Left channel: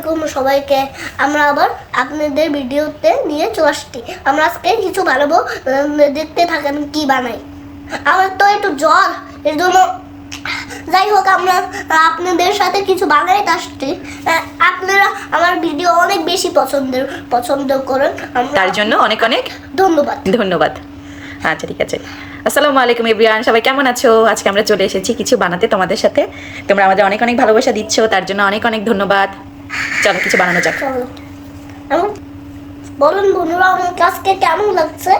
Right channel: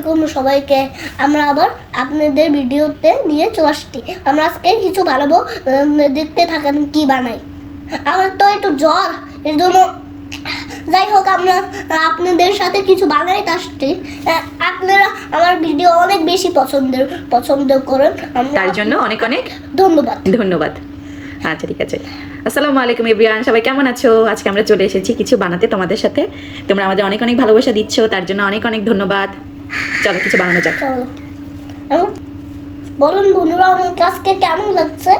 আলাইকুম সবাইকে। আমরা আবার আপনাদের ভিডিওতে নিয়ে চলে আসছি। আমরা আজকে কিছু বানাবো দেখতে থাকেন কি বানাই। আমার তো একটু জ্বর এর জন্য যাই হোক আমরা আপনাদের সাথে কিছু বানাই আসছি। আপনারা আমার ভিডিও অনেক বেশি পছন্দের পছন্দ করেন। তার জন্য অনেক অনেক ধন্যবাদ। ধন্যবাদ। আচ্ছা ঠিক আছে। আসসালামু আলাইকুম এভরিওয়ান। সবাই কেমন আছো? আজকে আমরা চলে এসেছি কিছু বানাতে তোমাদের সাথে। তোমরা আমাদের অনেক অনেক ভালোবাসা দিচ্ছ তার জন্য অনেক অনেক ধন্যবাদ। চলো কিছু বানানো যাক। বলুন বন্ধুরা আমার কাজকে কেমন লাগছে?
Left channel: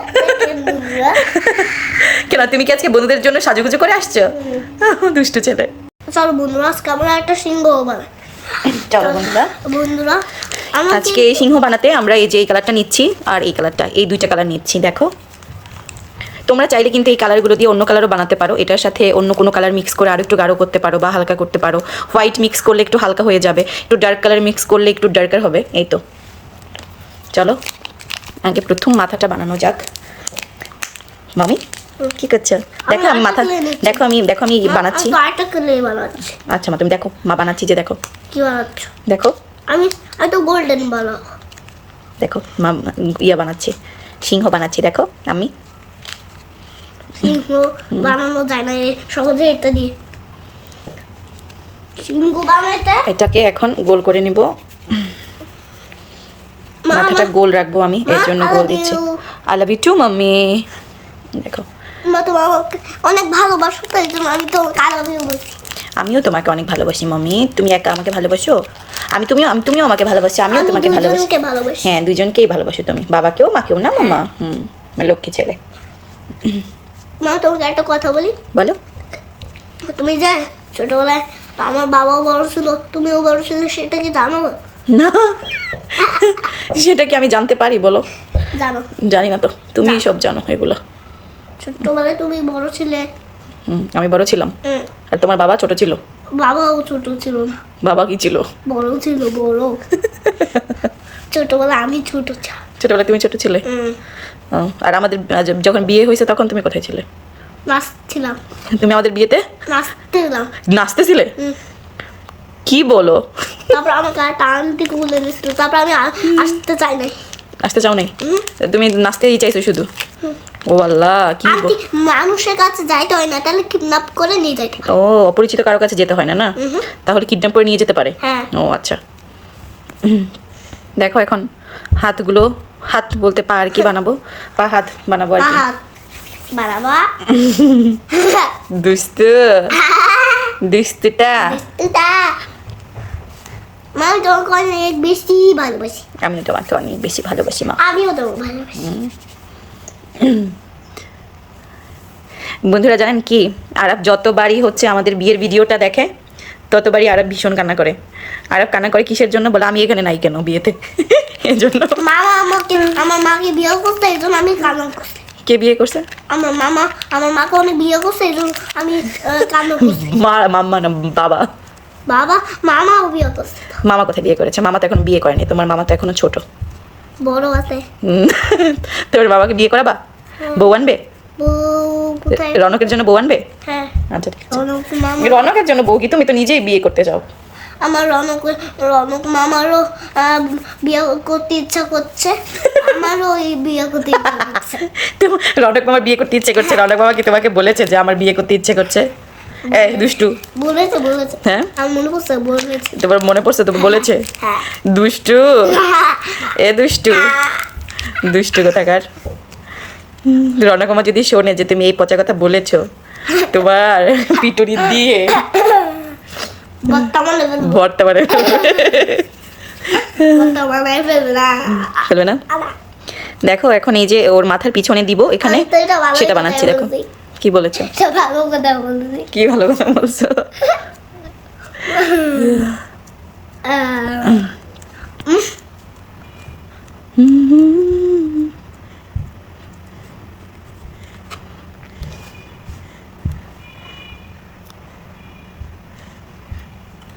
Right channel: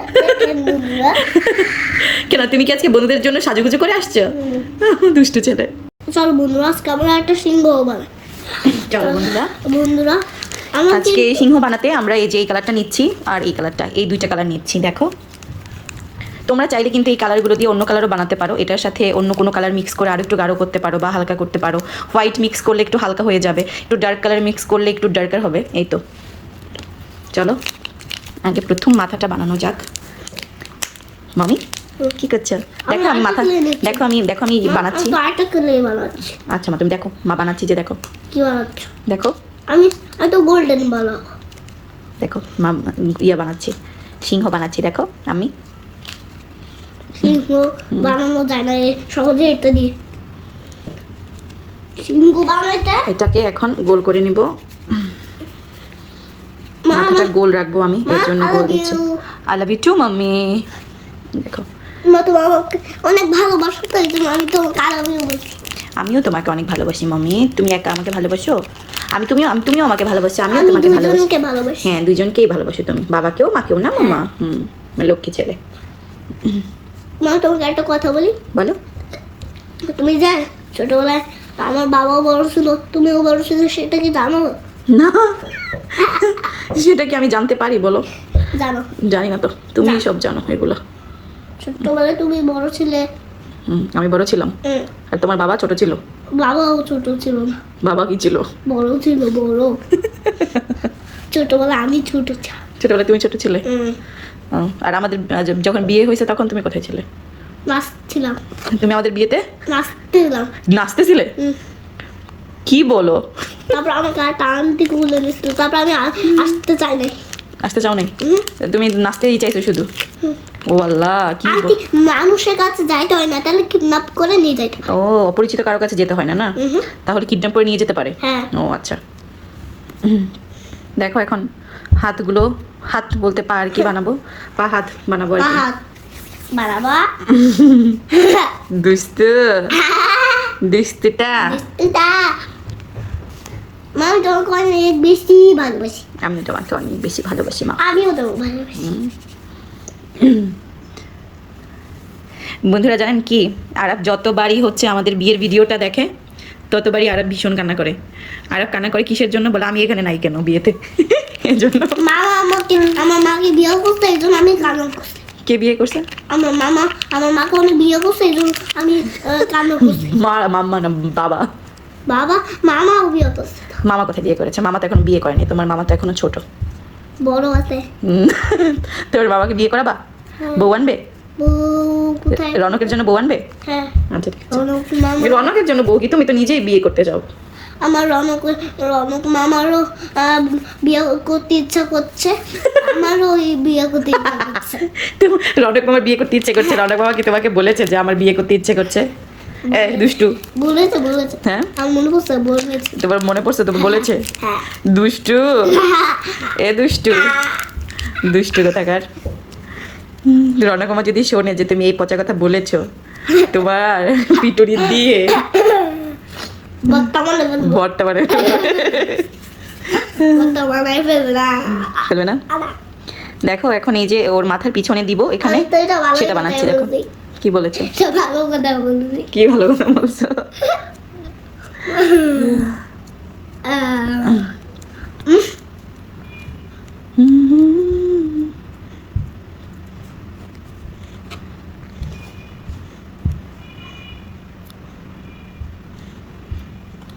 কেন তুমি কি আজকে বন্ধুদের জন্য সাজুগুজু করে আসছো? দুষ্টু ছেলে। চলো বন্ধুরা আজকে আমরা একটা সিংহ বানাই। চলো বন্ধুরা। বন্ধুরা আজকে সিংহ বানাতে আমরা এই যে এই কালারটা নিচ্ছি আর এই কালারটা এই দুইটা কালার নিচ্ছি দেখো। তোমরা চাইলে কিন্তু এই কালারগুলো দিয়ে অন্য কালারও বানাতে পারো। এটার সাথে অন্য কোনো কালার মিক্স করে আরও একটু গাঢ় করতে পারো বা হালকা করতে পারো। হোয়াইট মিক্স করলে একটু হালকা হয়ে যাবে। একটু ডার্ক কালার মিক্স করলে একটু ডার্কার হবে। এই তো। চলো আগে প্রথম মাথাটা বানানো যাক। মামি কি করছ? দেখো আমি মাথা দেখো আমি দেখো আমি বানাচ্ছি। আচ্ছা মা তুমি দেখো মা বানাচ্ছি যে দেখো। কি বানাচ্ছ? দেখো। আমি আমি তো গোল্ডেন বানাবো। দেখো মা ইয়া বানাচ্ছি সিংহ বানাচ্ছি দেখো আমি। সিংহ বানানো যায় না সহজে এটা দিয়ে। সিংহ বানাইতে? এটাকে এখন গোল করে নিব। মাথাটা গোল রাখব আমি এর জন্য গোল দিচ্ছি। I love you too mummy. দেখো। মা তোমার অনেক ভালোবাসো তাই জন্য আমি তো কালাবিও বলছি। আমিও তোমাকে অনেক ভালোবাসি মাম্মি। তুমি একা আমাকে ভালোবাসো? আমি তুমিও আমি তুমিও আমাকে ভালোবাসি আমিও তোমাকে ভালোবাসি। হ্যাঁ দুজনকেই ভালোবাসো তুমি। বাবাকেও মাকেও না মামা হুম লক্ষ্মী ছেলে। মা তোমাকে একটা কথা বলি? বলো। তুমি যা ছোটবেলায় আমার বাবাও বড় ছিল তুমিও বড় ছিল সেটা কি জানো? না। সেটা কি আমি জানতে পারি বলো। জানো। জানি না তো। তুমি সব জানো এগুলো। ছোট্টবেলায় তুমি বড় ছিলে। হুম, আমি বড় ছিলাম। আর তোমার বাবা ছোট ছিল? বাবাও ছোট ছিল না। বাবা কি ছিল? বড় ছিল বড়। ছোটবেলা আমি ছোট ছিলাম। ছোটবেলা তুমি ছোট ছিলে? আর আমাদের যখন বিয়ে হয়েছে তখন তুমি কোথায় ছিলে? নাচছিলাম। তুমি আমাদের বিয়েতে? নাচছিলাম নাচতেছিলে? কি বলো? তারপর আমাকে একটা আন্টি তুলে দিচ্ছিল তারপর আমি আসতে চাই নাই। আসতে চাও নাই? তুমি নাচতেই চাইছো শুধু? ও আল্লাহ কি বল- মানুষের কাছে যাইতে হয় না। তাহলে কিডন্যাপ করে নিয়ে যাইতে ও অপরিচিত কারও কাছে যেতে হয় না না? তাহলে কিডন্যাপ করে নিয়ে যেতে পারে? হ্যাঁ। ও আচ্ছা। দেখো এখন হাতগুলো হাত বলতে পা আর কি বানাবো? পা হাত বানাবো আর কি। হাত বাড়াবা দুস্তু দুস্তুটা এটা মা তোমাকে অনেক বেশি ভালোবাসি। আমি তোমাকে অনেক বেশি ভালোবাসি মা। আমিও তোমাকে ভালোবাসি। বন্ধুরা জানেন কি? আরব যতবারই হচ্ছে আমাদের বিয়ের ভিডিওটা দেখে ততবারই আরব ভীষণ কান্না করে। আরব কান্না করে কিসের জন্য? বলে আমি এখানে নাই কেন বিয়েতে? এই জন্য। মামা আমাকে আমার মাকে বিয়ে করতে এই জন্য আমি কান্না করছি। কে বিয়ে করছে? আমার মামা আমার মাকে অনেক বিয়ে করছে এই জন্য আমি কান্না করছি। মা মাম্মা না বাবা? বাবা মামাও বিয়ে করছে। মামা কোথায় বিয়ে করেছে? মামা তো এখন বিয়ে করেনি তোমার মামা তো এখনও ছোট। বড় আছে। তোমার বাবাকে বিয়ে করাবা? বউ আনবে? বউ কোথায় রনকের জন্য বউ আনবে? হ্যাঁ। আচ্ছা ঠিক আছে। রনকের জন্য বউ কি? তুমি তো নিজেই বিয়ে করতে চাও আমার রনক রনক মামারও বিয়ে করতে ইচ্ছা করছে। আমারও এই বিয়ে করতে ইচ্ছা করছে। রনক মামা বিয়ে করতে ইচ্ছে করছে। রনক মামা কি তোমাকে বলেছে যে আমার বিয়ে করতে ইচ্ছে করছে? দুষ্টু। বলেছে বলেছে। হ্যাঁ? আমি মনে পড়ছে? বলেছে। তোমার মনে পড়ছে? তো বলেছে? হ্যাঁ। দুষ্টু। এ দুষ্টু। দুষ্টু কোথাকার? রনক মামা যদি শোনে যে তুমি এই পচা কথা বলেছ তোমার পিটুরি দিয়ে ভরতে বর্তমানে ফেলবে না। দেখো এখন এই যে ওর মাথার পিছনে দিব এখানে সেটা বানাচ্ছি দেখো। কি বলেছ? কি ভালো কথা বলছো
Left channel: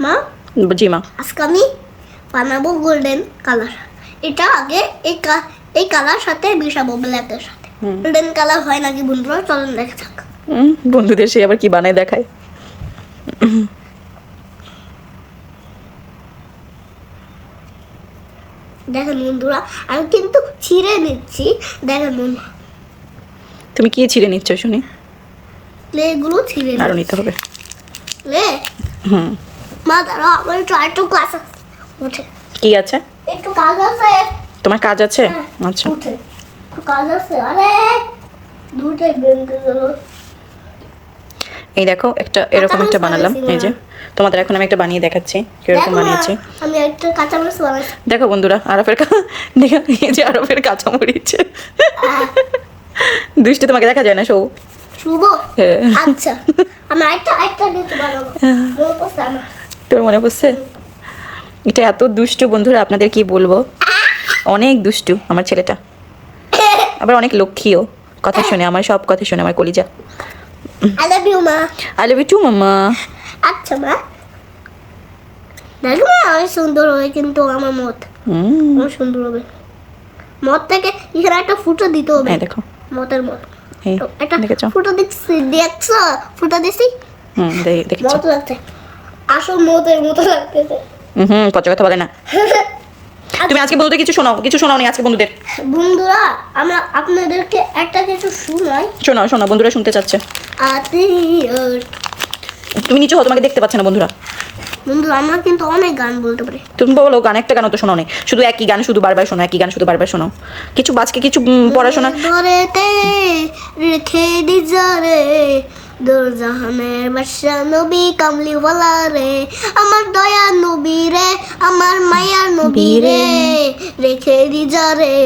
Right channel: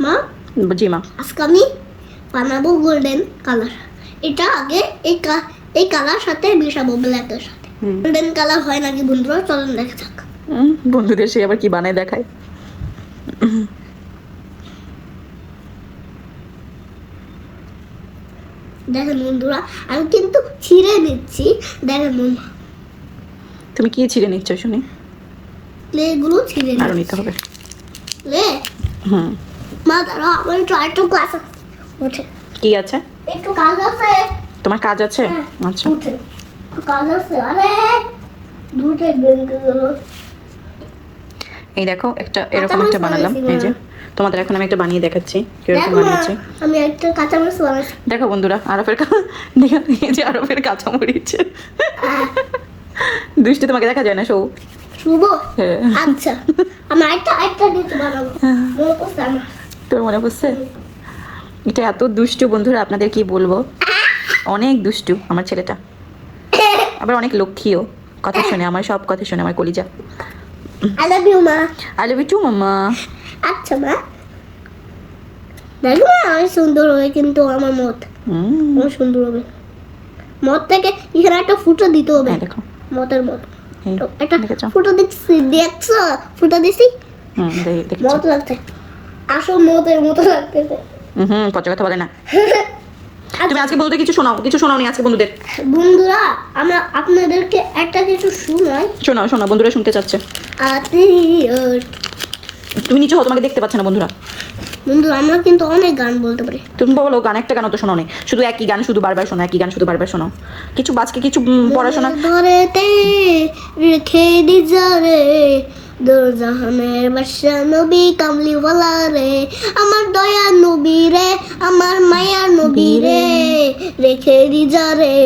মা জি মা আজকে আমি বানাবো গোল্ডেন কালার এটা আগে এই এই কালার সাথে মিশাবো ব্ল্যাকের সাথে। গোল্ডেন কালার হয় নাকি বন্ধুরা? চলেন দেখা যাক। বন্ধুদের সে আবার কি বানায় দেখায়। দেখেন বন্ধুরা আমি কিন্তু ছিঁড়ে নিচ্ছি। দেখেন বন্ধু। তুমি কি ছিঁড়ে নিচ্ছ শুনি? এগুলো ছিঁড়ে নিতে হবে। হুম। মা দাঁড়াও আমার একটু আরেকটু ক্লাস উঠে। কি আছে? একটু কাজ আছে। তোমার কাজ আছে? হ্যাঁ। আচ্ছা। উঠে। কাজ আছে দুটো গেলো এই দেখো একটা এরকম একটা বানালাম এই যে। তোমাদের এখন আমি একটা বানিয়ে দেখাচ্ছি কীরকম বানিয়েছি। আমি একটা কাঁচামরিচ বানাচ্ছি। দেখো বন্ধুরা আরফের কা- দেখো এই যে আরফের কাঁচা মরিচ দৃষ্টি তোমাকে দেখা যায় না সৌ শুভ? হ্যাঁ। আচ্ছা। আমি একটা একটা দিতে বানাবো তোমার মনে পড়ছে? এটা এত দুষ্টু বন্ধুরা আপনাদের কি বলব? অনেক দুষ্টু আমার ছেলেটা। আবার অনেক লক্ষ্মীও। কথা শুনে আমার সব কথা শুনে আমার কলিজা। আই লাভ ইউ মা। আই লাভ ইউ টু আচ্ছা মা। দেখো অনেক সুন্দর হবে কিন্তু আমার মত। হুম। অনেক সুন্দর হবে। মত থেকে এখানে একটা ফুটো দিতে হবে। দেখো। মতের মত। একটা ফুটো দেখছি দেখছ? ফুটো দিছি? হুম দেখেছ? মত লাগছে। আসল মতের মতো লাগতেছে। হুম পচা কথা বলে না। তুমি আজকে বন্ধুদের কিছু শোনাও কিছু শোনাও নি আজকে বন্ধুদের? বন্ধুরা আমরা আপনাদেরকে একটা কিছু শোনাই। শোনাও শোনাও বন্ধুরা শুনতে চাচ্ছে। তুমি নিচে হও তোমাকে দেখতে পাচ্ছে না বন্ধুরা। বন্ধু আমার কিন্তু অনেক গান বলতে পারি। তুমি বলো গান একটা গানও তো শোনো নেই শুধু একই গান শুধু বারবার শোনো একই গান শুধু বারবার শোনো। কিছু বাজকে কিছু পড়াশোনা রেখে দিজরে দোরজাহানের বাদশা নবী কামলিওয়ালা রে আমার দয়া নবী রে আমার মায়ার নবী রে রেখে দিজরে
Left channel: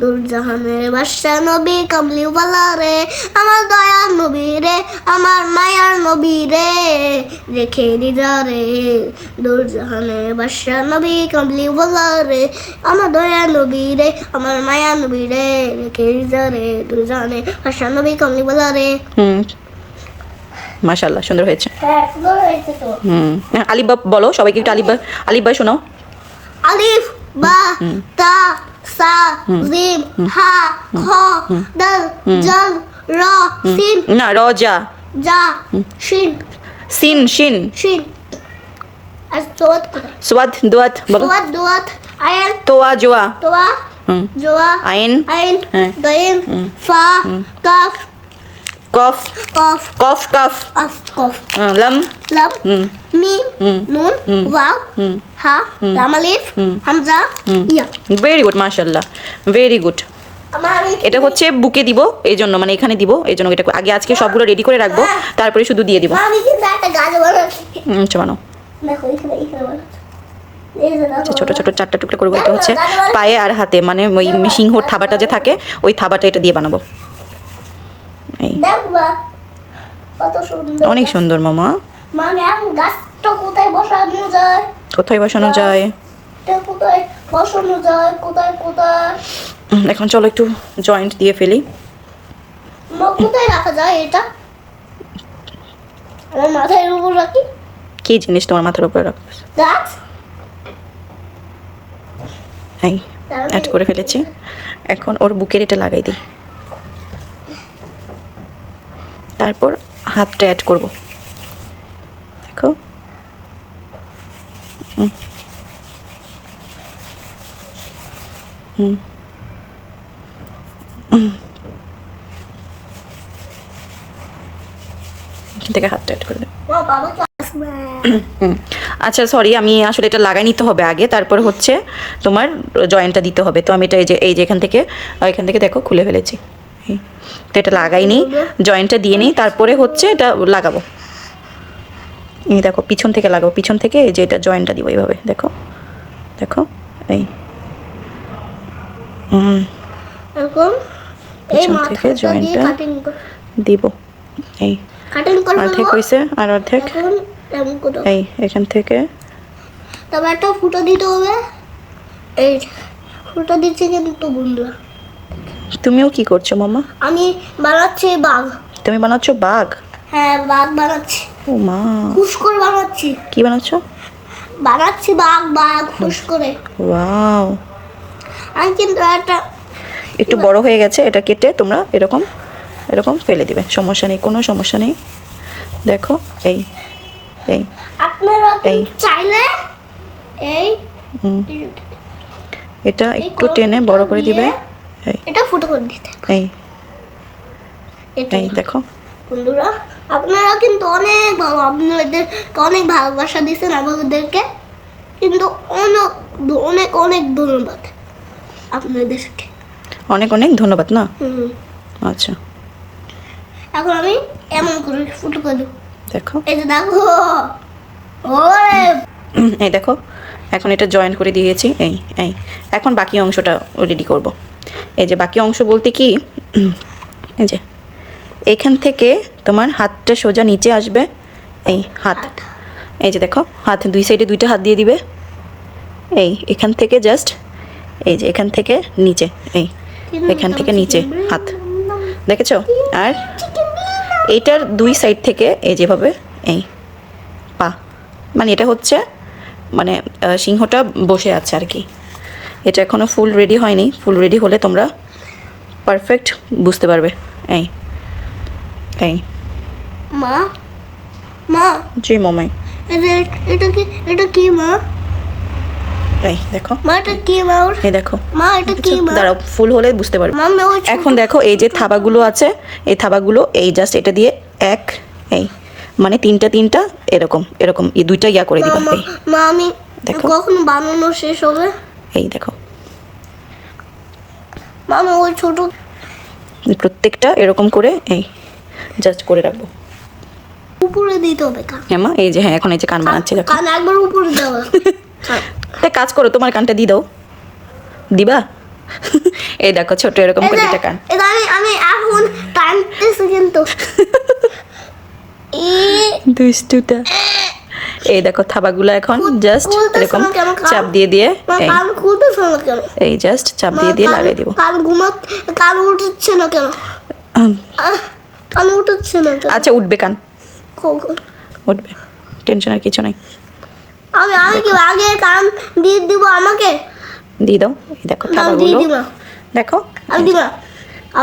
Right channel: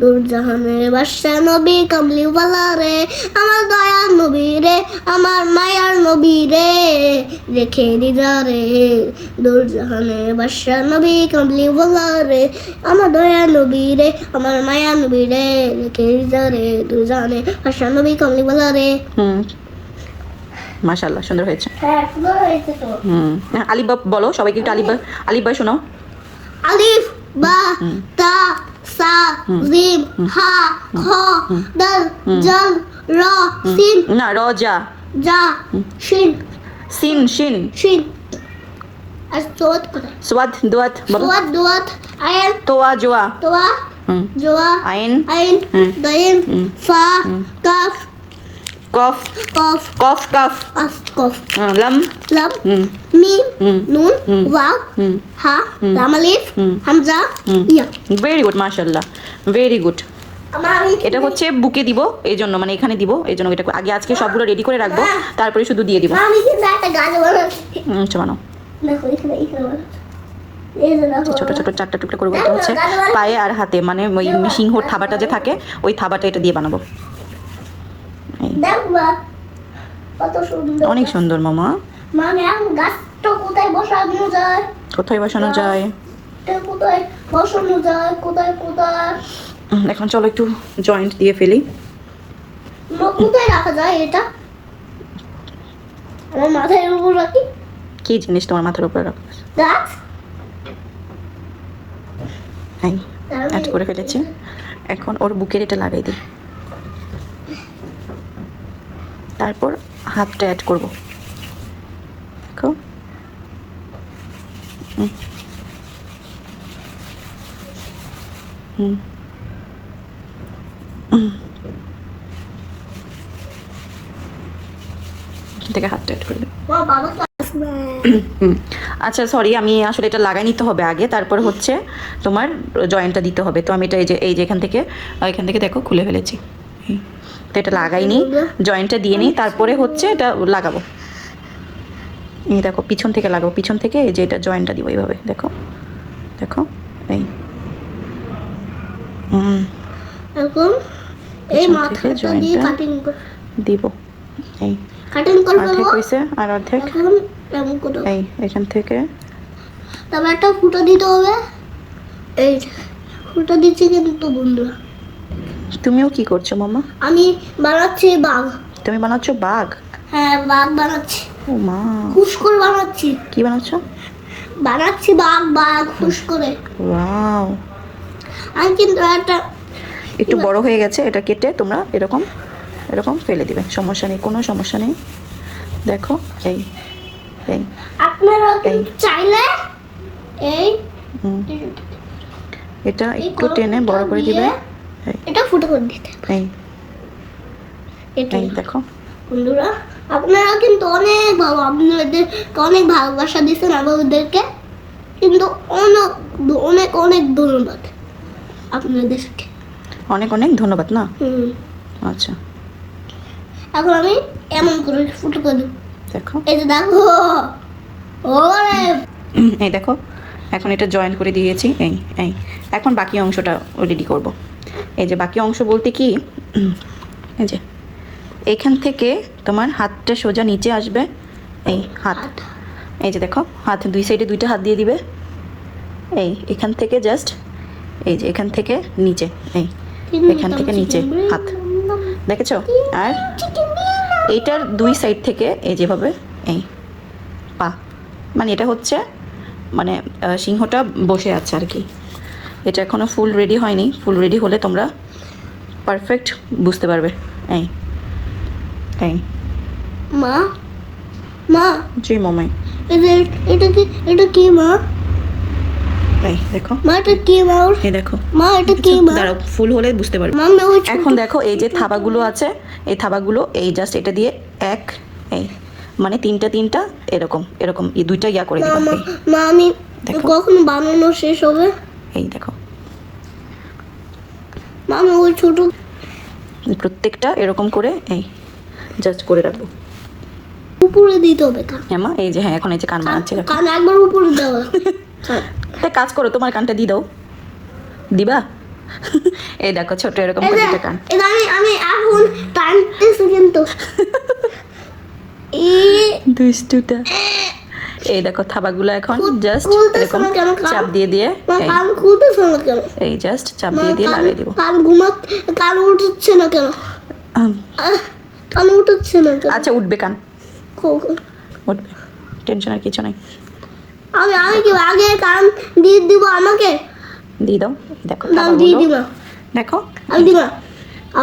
দোরজাহানের বাদশা নবী কামলিওয়ালা রে আমার দয়া নবী রে আমার মায়ার নবী রে রেখে দিজরে দোরজাহানের বাদশা নবী কামলিওয়ালা রে আমার দয়া নবী রে আমার মায়া নবী রে রেখে দিজরে দোরজাহানের বাদশা নবী কামলিওয়ালা রে হুম মাশাল্লাহ সুন্দর হয়েছে। হ্যাঁ হুম। হ্যাঁ, আলিফবা বলো সবাইকে একটু আলিফবা আলিফবা শোনাও। আলিফ বা তা সা জিম হা খ দাল জাল র সিন। না রজা জা। শিন। সিন শিন। শিন। আর সোয়াদ দোয়াত সোয়াত দোয়াত আয়ান। তোয়া জোয়া। তোয়া হুম। জোয়া আইন। আইন হ্যাঁ। দাইন ফা কাফ কফ কফ কফ কাফ। আস কফ। আহ, লাম। লাম হুম। মিম হুম। নুন হুম। ওয়াও হা রামালিফ হুম। হামজা ইয়া। ভেরি গুড মাশাল্লাহ ভেরি গুড এটা হচ্ছে বুকে দিব এই জন্য মানে এখানে দিব এই জন্য এটা আগে আজকে সবগুলো রেডি করে রাখব তারপরে শুধু দিয়ে দিব। চমানো দেখো আচ্ছা, ছোট ছোট চারটা টুকটা করব এটা হচ্ছে পায়ে আর হাতে মানে ওই সিংহর থাবাটা যে থাকে ওই থাবাটা এটা দিয়ে বানাবো। এই অনেক সুন্দর মামা। মানে কোথায় বসানো যায়? এখন চলো একটু জয়েন্ট দিয়ে ফেলি। কোথায় রাখা যায় এটা? মাথার উপর রাখি। কি জিনিস তোমার মাথার উপরে রাখ গাছ? এই অ্যাড করে ফেলেছি। এখন ওর বুকের এটা লাগাই দিই। তারপর হাতটা অ্যাড করব দেখো হুম। থেকে অ্যাড করে দেবো আমার বাবাকে আসবে হুম। আচ্ছা সরি আমি আসলে এটা লাগাই নিতে হবে আগে, তারপর হচ্ছে তোমার জয়েন্টটা দিতে হবে তো আমি এটা এই যে এই যে এখান থেকে এখান থেকে দেখো, খুলে ফেলেছি। তো এটা লাগাই নিই জয়েন্টটা দিয়ে নিই তারপরে হচ্ছে এটা লাগাবো। এই দেখো পিছন থেকে লাগাবো পিছন থেকে এই যে এটা জয়েন্টটা দিব এইভাবে দেখো দেখো এই। দিব। এই কাটিং অর্ধেক হয়েছে আর অর্ধেক। এই এখান থেকে। তারপর একটা ফুটো দিতে হবে। এই ফুটো দিচ্ছে কিন্তু বন্ধুরা। তুমিও কি করছ মামা? আমি বানাচ্ছি বাঘ। তুমি বানাচ্ছো বাঘ? হ্যাঁ বাঘ বানাচ্ছি। ও মা। ফুস করে বানাচ্ছি। কি বানাচ্ছো? বানাচ্ছি বাঘ বাঘ ফুস করে ওয়াও। আমি কিন্তু একটা একটু বড় হয়ে গেছে এটা কেটে তোমরা এরকম এরকম ফেলে দিবে। সমস্যা নেই কোনো সমস্যা নেই। দেখো এই এই আপনারা এই। চাইলে এই এটা একটু টেনে বড় করে দিবে। এটা ফুটো করে দিতে। এই। এই দেখো। বন্ধুরা আপনারা কিন্তু অনেক ভালো আপনাদের অনেক ভালোবাসা দিচ্ছেন আমাদেরকে। কিন্তু অনেক অনেক অনেক ধন্যবাদ আপনাদেরকে। অনেক অনেক ধন্যবাদ না? হুম। আচ্ছা। এখন আমি এমন করে ফুটো করে দেবো। দেখো। এই যে দেখো। ওরে! এই দেখো। এখন এটা জয়েন করে দিয়েছি। এই এই। এখন বাকি অংশটা রেডি করব। এই যে বাকি অংশ বলতে কি? এই যে এখান থেকে তোমার হাতটা সোজা নিচে আসবে। এই হাত এই যে দেখো হাত দুই সাইডে দুইটা হাত দিয়ে দিবে। এই এখান থেকে জাস্ট এই যে এখান থেকে নিচে এই এখান থেকে নিচে হাত। দেখেছ? আর এইটার দুই সাইড থেকে এই যেভাবে এই পা। মানে এটা হচ্ছে মানে সিংহটা বসে আছে আর কি। এটা এখনও ফুল রেডি হয়নি। ফুল রেডি হলে তোমরা পারফেক্ট বুঝতে পারবে। এই এই। মা মা। জি মমাই। এটা এটা কি এটা কি মা? এই দেখো। মা এটা কি মা? এই দেখো। মা এটা কি মা? দাঁড়াও ফুল হলে বুঝতে পারবে। এখন দেখো এই যে থাবাগুলো আছে এই থাবাগুলো এই জাস্ট এটা দিয়ে এক এই। মানে তিনটা তিনটা এরকম এরকম এই দুইটা ইয়া করে দিবা এই। মা আমি দেখো। কখন বানানো শেষ হবে? এই দেখো। মা ওই ছোট। প্রত্যেকটা এরকম করে এই জাস্ট করে রাখব। উপরে দিতে হবে হ্যাঁ মা এই যে হ্যাঁ এখন এই যে কান বানাচ্ছি কান একবার উপরে দেওয়া তা কাজ করো তোমার কানটা দিয়ে দাও। দিবা? এই দেখো ছোট এরকম করে দুটা কান। আমি আমি এখন টানতেছি কিন্তু। দুষ্টুটা। এই দেখো থাবাগুলো এখন জাস্ট এরকম? চাপ দিয়ে দিয়ে এই। জাস্ট চাপ দিয়ে দিয়ে লাগিয়ে দিব। কান উঠছে না কেন? কান উঠছে না আচ্ছা উঠবে কান? উঠবে। টেনশনের কিছু নাই। আমি আমি কি আগে কান দিয়ে দিব আমাকে? দিয়ে দাও। এই দেখো দিয়ে দিলাম। দেখো। আমি দিলাম।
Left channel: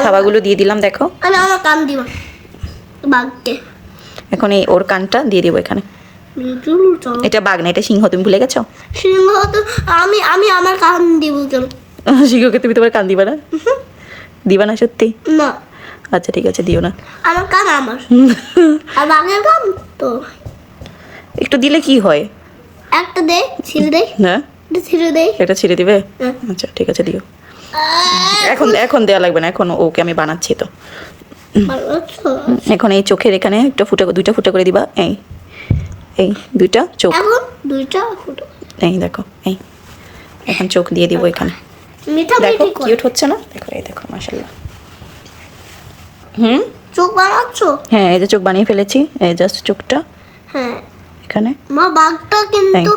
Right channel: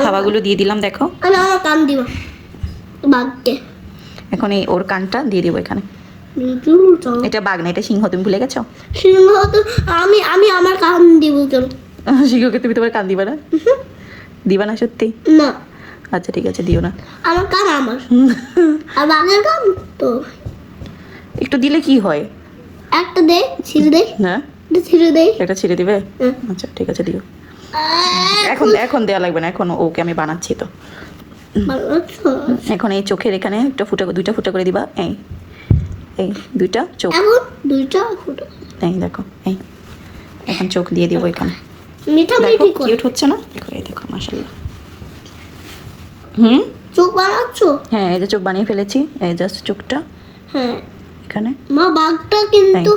থাবাগুলো দিয়ে দিলাম দেখো। আমি আমার কান দিলাম। বাঘকে এখন এই ওর কানটা দিয়ে দিব এখানে। এটা বাঘ না এটা সিংহ তুমি ভুলে গেছো? সিংহ তো আমি আমি আমার কান দিব কেন সিংহকে তুমি তোমার কান দিবা না? দিবা না সত্যি? না। আচ্ছা ঠিক আছে দিও না। আমার কান আমার। আর বাঘের কান তো। একটু দিলে কি হয়? একটা দে ছিঁড়ে দে। না? এটা ছিঁড়ে দে। এটা ছিঁড়ে দিবে? হ্যাঁ। আচ্ছা ঠিক আছে দিও। এখন এখন দেওয়া লাগবে না এখন ওকে আমি বানাচ্ছি তো। এখন এই চোখের এখানে একটা ফুটা দুইটা ফুটা করে দিবা এই। এই দুইটা চোখ। এখন দুইটা এই দেখো এই। এখন চোখ দিয়ে দিব এখানে। মিঠা দেখো কিউট হচ্ছে না? দেখো এই দেখো মাশাল্লাহ হুম? চোখ বানাচ্ছ? হ্যাঁ এই যে চোখ বানিয়ে ফেলেছি। এই জাস্ট চোখটা। হ্যাঁ। এখানে। মা বাঘটা কিন্তু।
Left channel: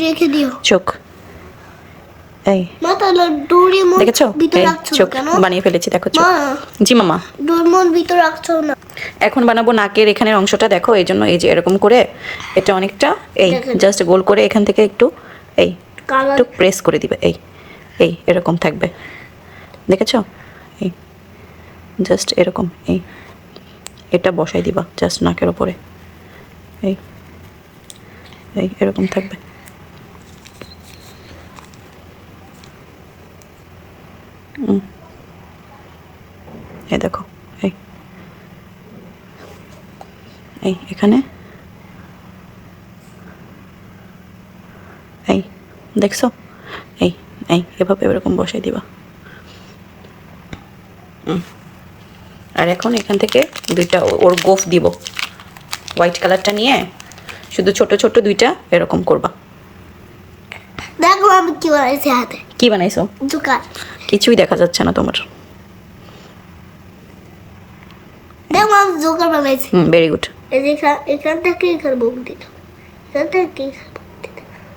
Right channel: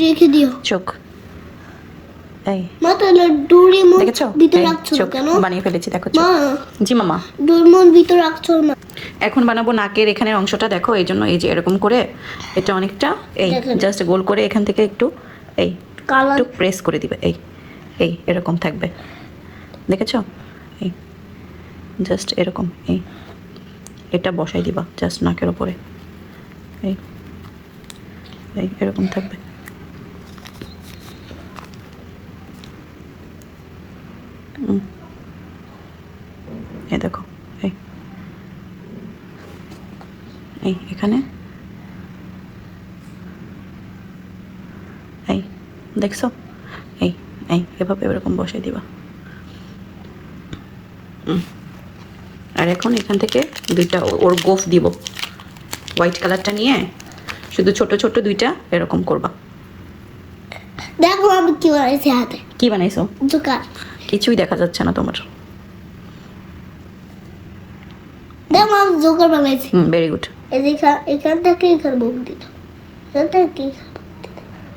রেখে দিও। চোখ। এই। দেখেছ? ভিতরে রাখছো চোখ কেন? বানিয়ে ফেলেছি দেখো মা জি মামা। ডুরি মন ভিতরে রাখছো না। এখন বানাবো নাকের এখানের অংশটা দেখো এই জন্য এই যে এরকম করে এটা অনেকটা এই জাস্ট গোল করে এখান থেকে একটু এই একটু প্রেস করে দিবে এই এই এরকম থাকবে। দেখেছ? এই জাস্ট এরকম এই এটা বসাই দিবা জাস্ট নাকের ওপরে। এই এই এরকম থাকবে হুম। এই দেখো এই এই এখানে। এই দেখছ? এই এই এভাবে এরকম বসাই দিবা। আর এখন এখান থেকে দুইটা ওর গোফ দিব। হোয়াইট কালারটা নিয়ে শুধু ছোট ছোট দুইটা এরকম করবা। দেখো আমি কি বানাইছি হাতে। কি বানাইছো? জোকার। কিছুই দেখা যাচ্ছে না তোমার। দেখো আমি জোকার বানাইছি। হুম ভেরি গুড এই যে এখান- থেকে এখানে মুখ দিত। এখান থেকে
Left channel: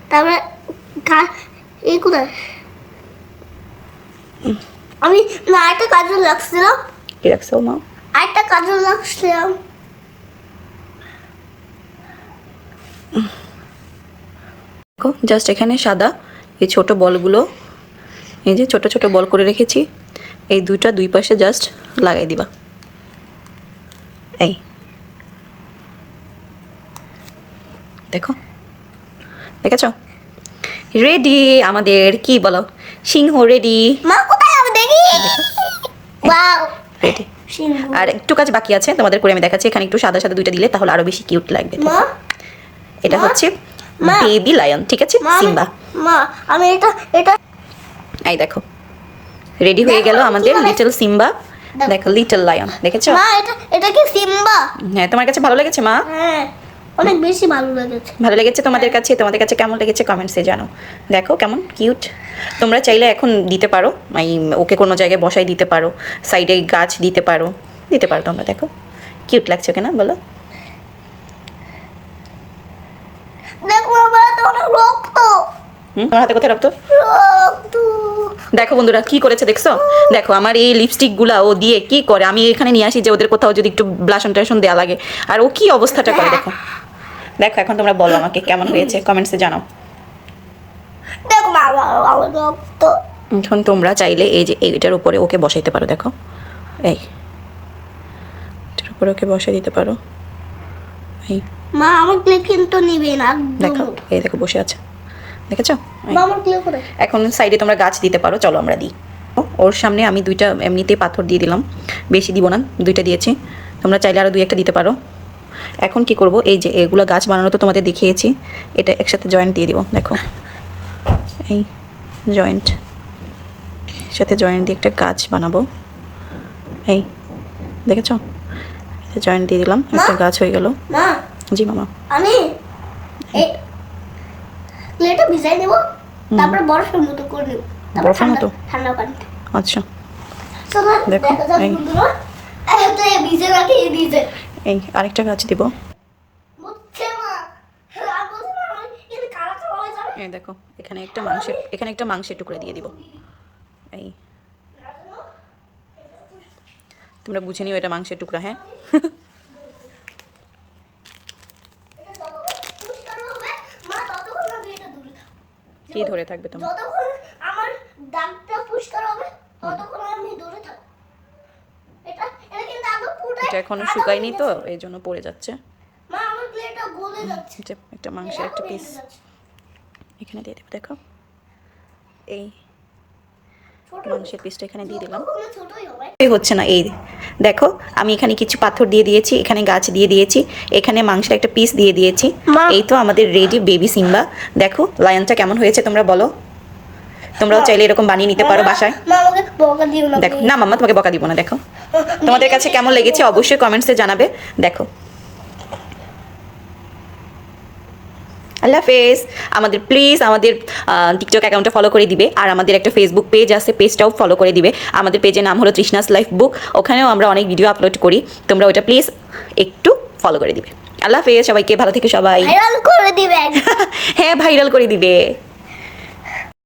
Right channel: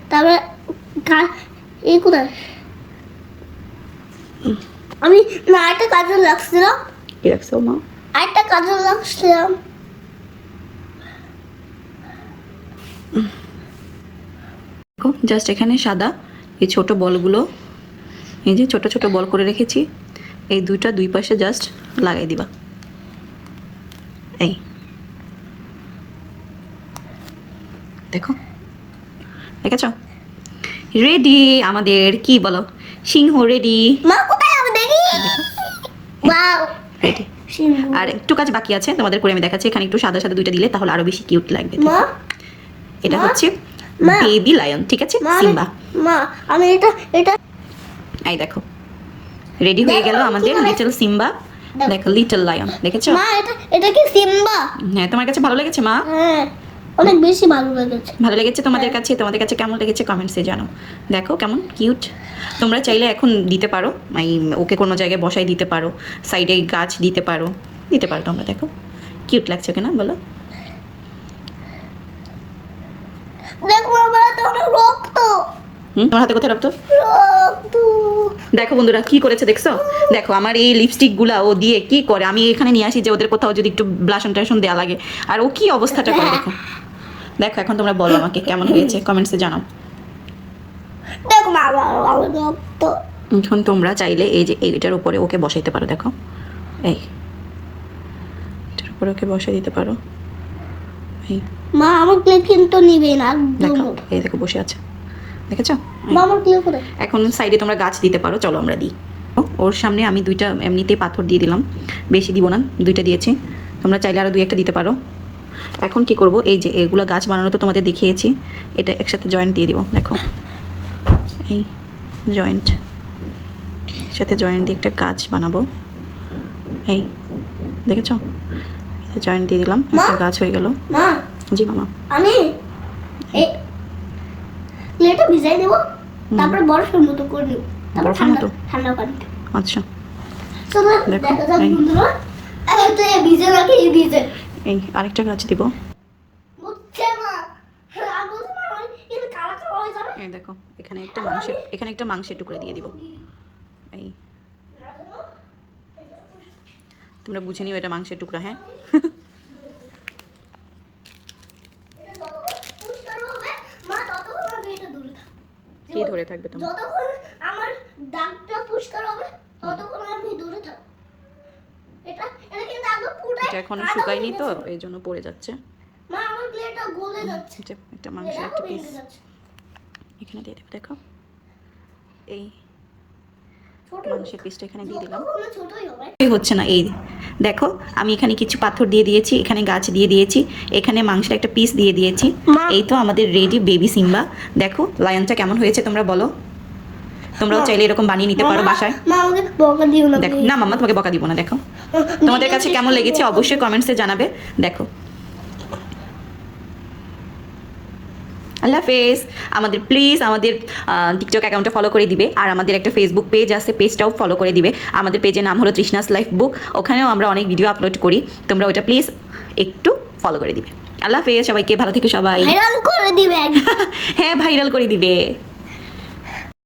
তারপরে কা- এই কোথায়? আমি না একটা কাজল লাগছিলাম। কি রাখছো মা? আরেকটা কাজল লাগছিলাম। জাস্ট এখানে সাদা এই ছোট বলগুলো এই যে ছোট ছোট বল করে রেখেছি এই দুইটা দুই পাশে জাস্ট লাগাই দিবা। এই। দেখো। দেখেছ? রেডি আমাদের কি বলো? সিংহ রেডি রেডি আর একটু কাজ বাকি আছে তোমাদের করে আমি দেখাচ্ছি। এখানে একটু সাদা সাদা দুইটা দিলে তাহলে আরও বেশি কিউট লাগবে এটা হচ্ছে? বেবি লায়ন ঠিক আছে? সিম্বা। মা আমি এটা এটা এই দেখো। রেডি হয়ে গেল আমাদের লিটল সিম্বা। দেখো। দেখো লিটল লায়ন দেখেছ? মা এটা এটা কি সিম্বা? হ্যাঁ তোমার কাছে ভালো লেগেছে মা? হ্যাঁ। অনেক বেশি ভালো লেগেছে। ভালো লেগেছে তোমাদের কাছে? তোমাদের কাছে কেমন লেগেছে কমেন্টসে জানো। দেখো কেমন কিউট তোমরা চাইলে এখন দিতে পারো। এই ওকে কোনো জায়গায় বসাই দিতে পারো। সাইডে গাছ দিতে পারো। দিতে পারো তোমরা দেখো। কিউট লাগছে কেনা বলো। তোমার হাতে কোথায় রক্ত? দেখো বন্ধুরা কি করেছে দেখছ? দেখো আমার এই লিপস্টিকগুলা ও দিয়ে কি করে? আমি এখানে নিয়ে আসি যে ওদের কোথাও যদি একটু ব্লাশন টাশন দেওয়া লাগে। আর ও কি অবস্থাটা করে দেখো। দেখো এখন তোমরা বলো আমাকে কেমন হয়েছে কমেন্টসে জানাও। এখন তোমরা চাইলে এই যে এইটার উপরে ওকে বসাইতে পারো দেখো। এই এটার উপরে ওকে বসাই দিতে পারো। এই। মা আমার ক্লিপ কিন্তু নিবে না দেখো এই দেখো বসে আছে। দেখেছ? আমার ক্লিপ করে এখন সাইডে তোমরা গাছ দিতে পারো চলো আমরা দিই। ও, ওর সামনে আমি দুইটা এমনিতেই পাথর দিয়ে দিলাম। বেশি দিব না দুইটা দিয়েছি। তোমরা চাইলে আরও দুই একটা দিতে পারো। এখন কি করব? এই যে এগুলো গাছ বানানো তো তোমাদের দেখিয়েছি। এটা একসাথে জয়েন্ট দিয়ে দিব দেখো। এই জয়েন্ট সাথে জয়েন্ট দিয়ে একটা গাছ বানাবো। এই দেখেছ? জয়েন্ট দিয়ে দিলাম একটা গাছ হয়ে গেল। মা! জি মামা। আমি এই এটা ভিজাই দেবো তারপরে মতো করে তারপর ঠান্ডা ঠান্ডা পানিতে। আচ্ছা। দেখো, দেখা ভিজে রাখি ভিজে। এই আরেকটা গাছ দিব। আমি বলছি মা আমার এটা কালা কালা যাবে এই দেখো এখানে একটা মাংসের এখানে একটা মাংসের টুকরো দিয়ে দিব। এই। তোমরা বুঝে নিও এটা মাংসের টুকরা হ্যাঁ? কি ধরে থাকবে তোমার? যতক্ষণ আমার দাগটা পরিষ্কার হবে ততক্ষণ আমি দূরে থাকব এটা এটা কিন্তু একদম পুরোটাই এটা এখনও শুকায়নি তো এই জন্য পড়ে যাচ্ছে। মা আমার প্লেটটা গলে যাচ্ছে। এটা একটা মাংসের একটা পিস এখানে দিয়ে দেবো দেখো। এই মাংসের পিসটা এখানে দিয়ে দিলাম। কখনো ছোটই হবে। এই হচ্ছে না এই দেখো আমি এখানে কিছু পাথর দিয়ে দিয়েছি এখানে গাছ দিয়ে দিয়েছি এখানে মাংসের একটা পিস দিয়ে দিয়েছি। এই তো আমাদের রেডি বেবি সিম্বা। দেখো লায়নটা কেমন হয়েছে তোমরা বলো। তোমরাও চাইলে এরকম বানিয়ে নিতে পারো বাসায়। মা আমাকে বকা দিও না দেখো না মাম্মা তোমাকে বকা দিব না দেখো। তোমাদের কাছে কেমন লেগেছে অবশ্যই কমেন্টসে জানাবে। দেখো। আল্লাহ হাফেজ। আমাদের প্লিজ আমাদের টিকটক অ্যাকাউন্টটা ফলো করে দিবে। আর আমাদের একটা ফেসবুক পেজ আছে পেজটাও ফলো করে দিবে। আমাদের পেজের নাম হলো তৃষ্ণাস লাইফ বুক ওখানেও আমরা অনেক ভিডিও আপলোড করি। তোমরা ওটা প্লিজ একটু ফলো করে দিবে। আল্লাহ হাফেজ সবাইকে ভালো থেকে সবাই। ভাইরাল করে দিবে। হ্যাঁ ভাইরাল করে দিবে।